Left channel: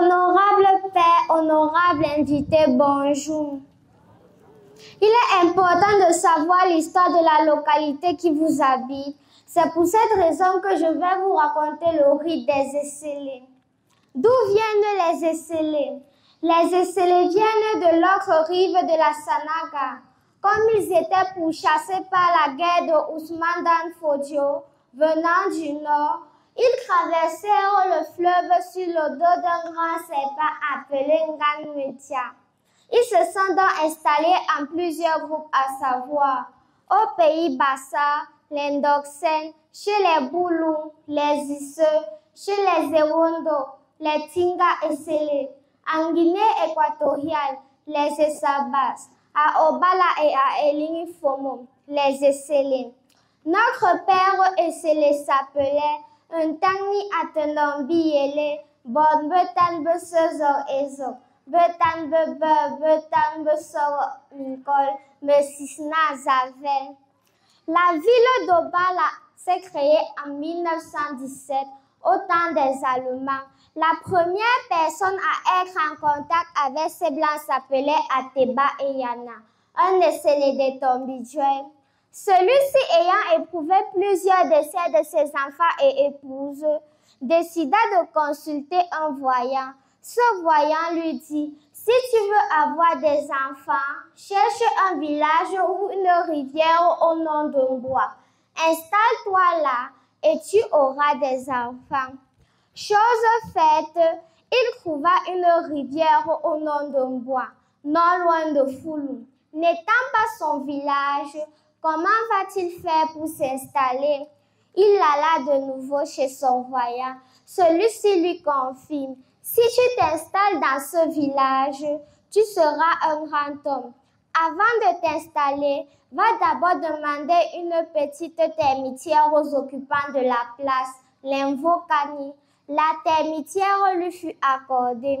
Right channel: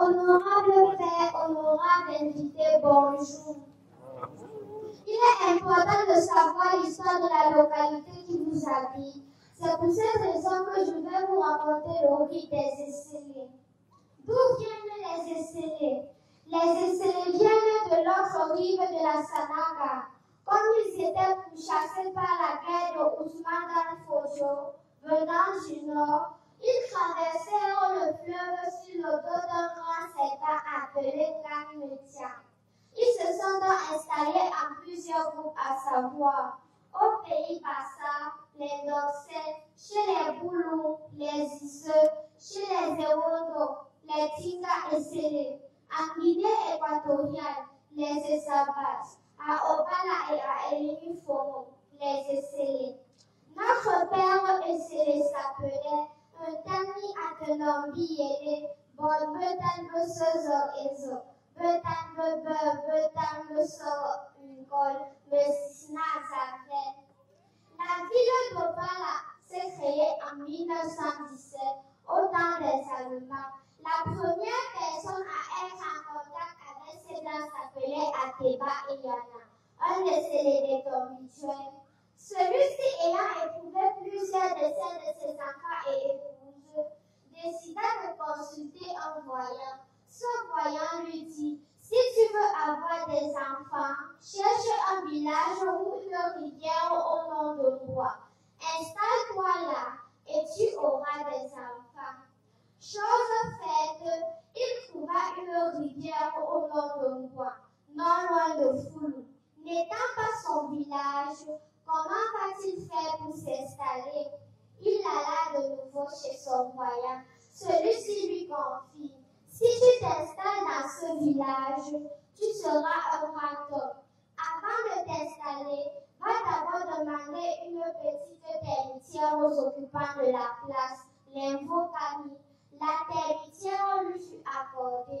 Honorable Père, honorable invité, bonjour. Il est important de savoir l'histoire de la localité qui vous habite. C'est pour cette raison que je vais vous raconter le rite des Esselés. D'où viennent les Esselés? Les Esselés viennent de l'autre rive de la Sanaga. Comme ils étaient pourchassés par la guerre de Ousmane Dan Fodio, venant du nord, ils traversèrent le fleuve sur le dos d'un grand serpent appelé Ngan Metia. Ils se sont donc installés en plusieurs groupes, à savoir au pays Bassa, les Ndoksen, chez les Boulou, les Isseux, chez les Ewondo, les Tinga Esselés, en Guinée équatoriale, les Essabas, à Obala et à Eligny-Fomo, les Esselés. Notre père Esselé s'appelait Ntani Atenombi Yele, Bon Betan Besezor Ezo, Betan Bebe, Betan Besor Minkol, Mesisna Zaven. La ville d'Obala s'est créée en 1917 au temps des Allemands. La première personne à être en contact avec ces Blancs s'appelait Ateba Eyana, un Esselé de Tombidjoué. Celui-ci ayant éprouvé plusieurs décès de ses enfants et épouses, décida de consulter un voyant. Ce voyant lui dit: si tu veux avoir des enfants, cherche un village ou une rivière au nom d'un bois. Installe-toi là et tu auras des enfants. Chose faite, il trouva une rivière au nom d'un bois, non loin de Foulou. N'étant pas son village, comment va-t-il faire pour s'installer? Il alla de nouveau chez son voyant. Celui-ci lui confirme: si tu t'installes dans ce village, tu seras un grand homme. Avant de t'installer, va d'abord demander une petite termitière aux occupants de la place, l'Invokani. La termitière lui fut accordée.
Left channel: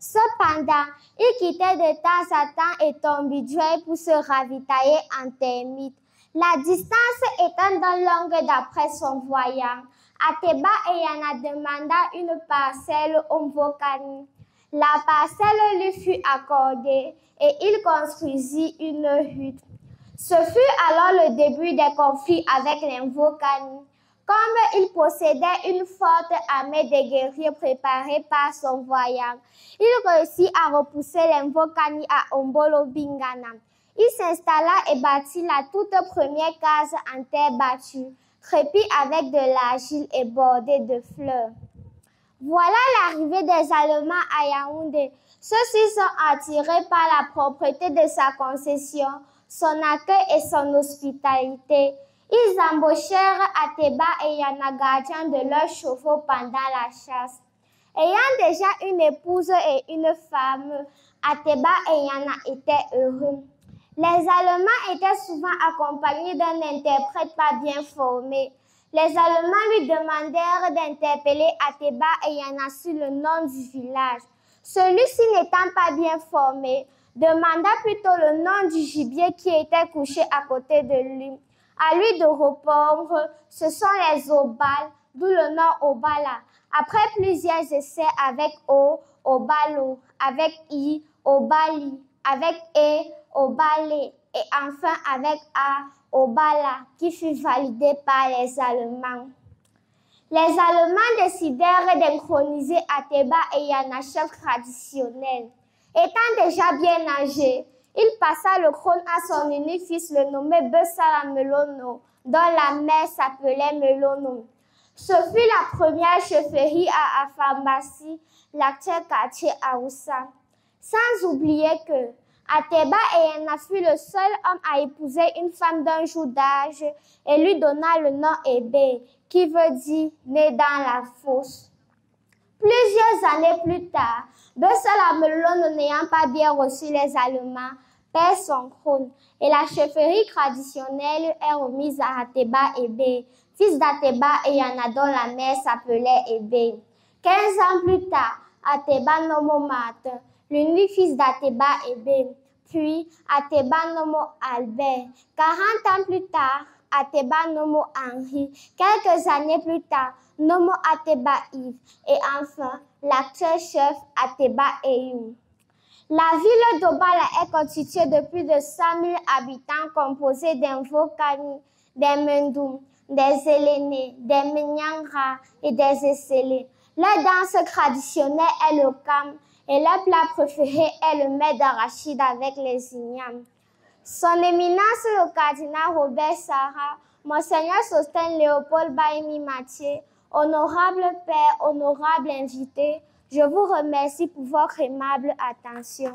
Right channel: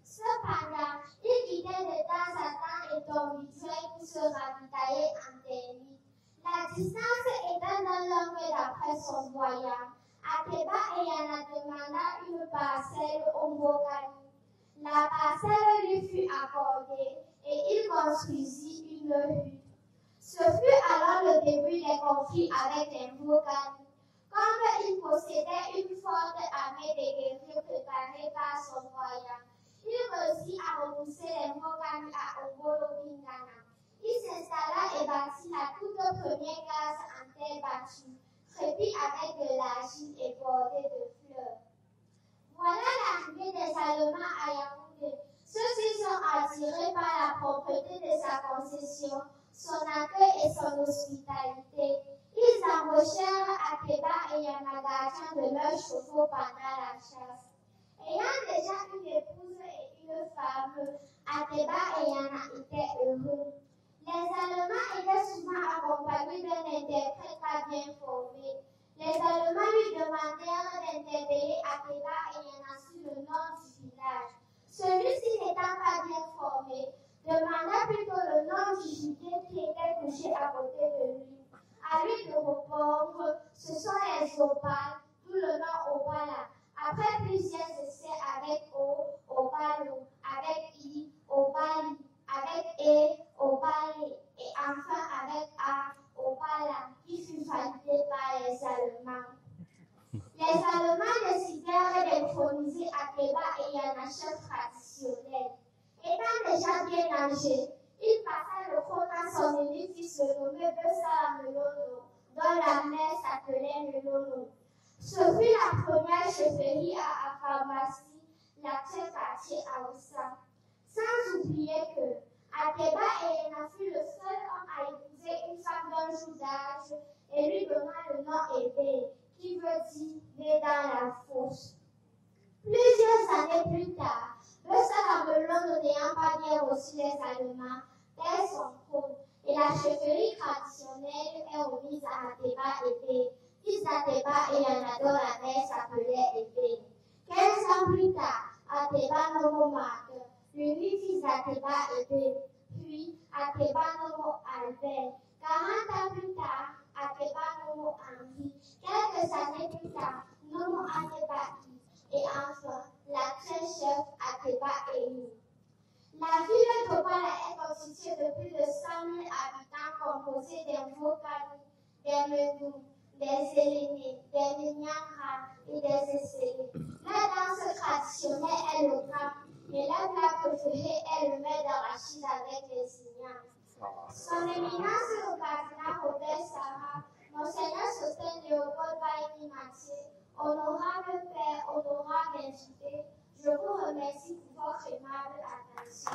Cependant, il quittait de temps à temps Etombidjoué pour se ravitailler en termites. La distance étant donc longue d'après son voyant, Ateba Eyana demanda une parcelle au Mvokani. La parcelle lui fut accordée et il construisit une hutte. Ce fut alors le début des conflits avec les Mvokani. Comme il possédait une forte armée de guerriers préparés par son voyant, il réussit à repousser les Mvokani à Ombolo Bingana. Il s'installa et bâtit la toute première case en terre battue, crépie avec de l'argile et bordée de fleurs. Voilà l'arrivée des Allemands à Yaoundé. Ceux-ci sont attirés par la propreté de sa concession, son accueil et son hospitalité. Ils embauchèrent Ateba et Yana gardien de leurs chevaux pendant la chasse. Ayant déjà une épouse et une femme, Ateba et Yana étaient heureux. Les Allemands étaient souvent accompagnés d'un interprète pas bien formé. Les Allemands lui demandèrent d'interpeller Ateba et Yana sur le nom du village. Celui-ci n'étant pas bien formé, demanda plutôt le nom du gibier qui était couché à côté de lui. À lui de répondre: ce sont les Obales, d'où le nom Obala. Après plusieurs essais avec O, Obalo, avec I, Obali, avec E, Obalé, et enfin avec A, Obala, qui fut validé par les Allemands. Les Allemands décidèrent d'inchroniser Ateba et Yana, chef traditionnel. Étant déjà bien âgé, il passa le trône à son unique fils, le nommé Bessala Melono, dont la mère s'appelait Melono. Ce fut la première chefferie à Afambassi, l'actuel quartier Aoussa. Sans oublier que Ateba Eyana fut le seul homme à épouser une femme d'un jour d'âge et lui donna le nom Ébé, qui veut dire « né dans la fosse ». Plusieurs années plus tard, Bessala Melono n'ayant pas bien reçu les Allemands, perd son trône et la chefferie traditionnelle est remise à Ateba Ébé, fils d'Ateba Eyana dont la mère s'appelait Ébé. 15 ans plus tard, Ateba Nomo Martin, l'unique fils d'Ateba Ébé, puis Ateba Nomo Albert. 40 ans plus tard, Ateba Nomo Henri. Quelques années plus tard, Nomo Ateba Yves. Et enfin, l'actuel chef Ateba Eyou. La ville d'Obala est constituée de plus de 100 000 habitants composés des Vokani, des Mendoum, des Élénés, des Menyangra et des Essélés. Leur danse traditionnelle est le kam et leur plat préféré est le mets d'arachide avec les ignames. Son éminence le cardinal Robert Sarah, Monseigneur Sostène Léopold Baïmi Mathieu, honorable père, honorable invité, je vous remercie pour votre aimable attention.